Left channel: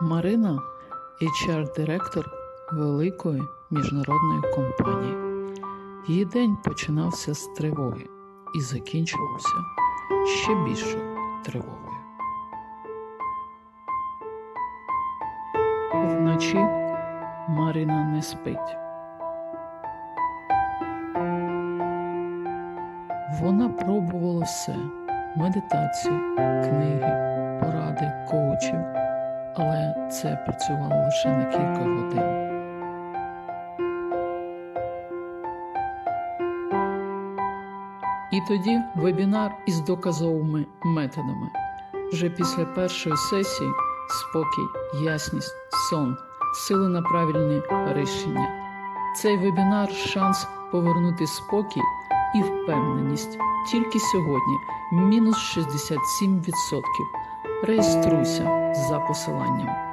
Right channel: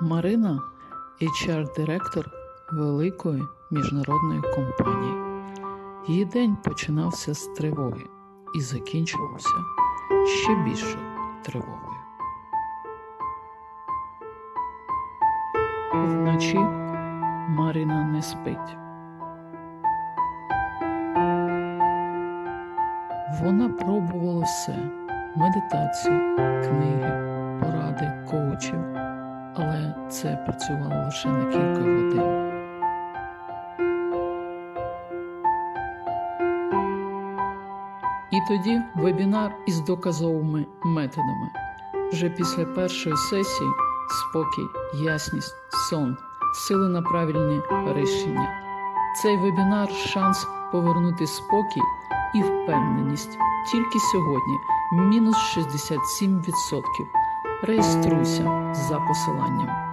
Марина HR-директор великої міжнародної компанії. Її день починався з тривоги і закінчувався ще більшою тривогою. Вночі Марина не спить. Вона пробувала все: медитації, книги, поради коучів, але це працювало лише на кілька годин. І тоді вебінар із доказовими методами. Вже після першої сесії спокій, ясність, сон, сили на правильні рішення. Цей вебінар шанс повернути спокій і впевненість. Тільки сьогодні мінус 67%. Реєструйся за посиланням.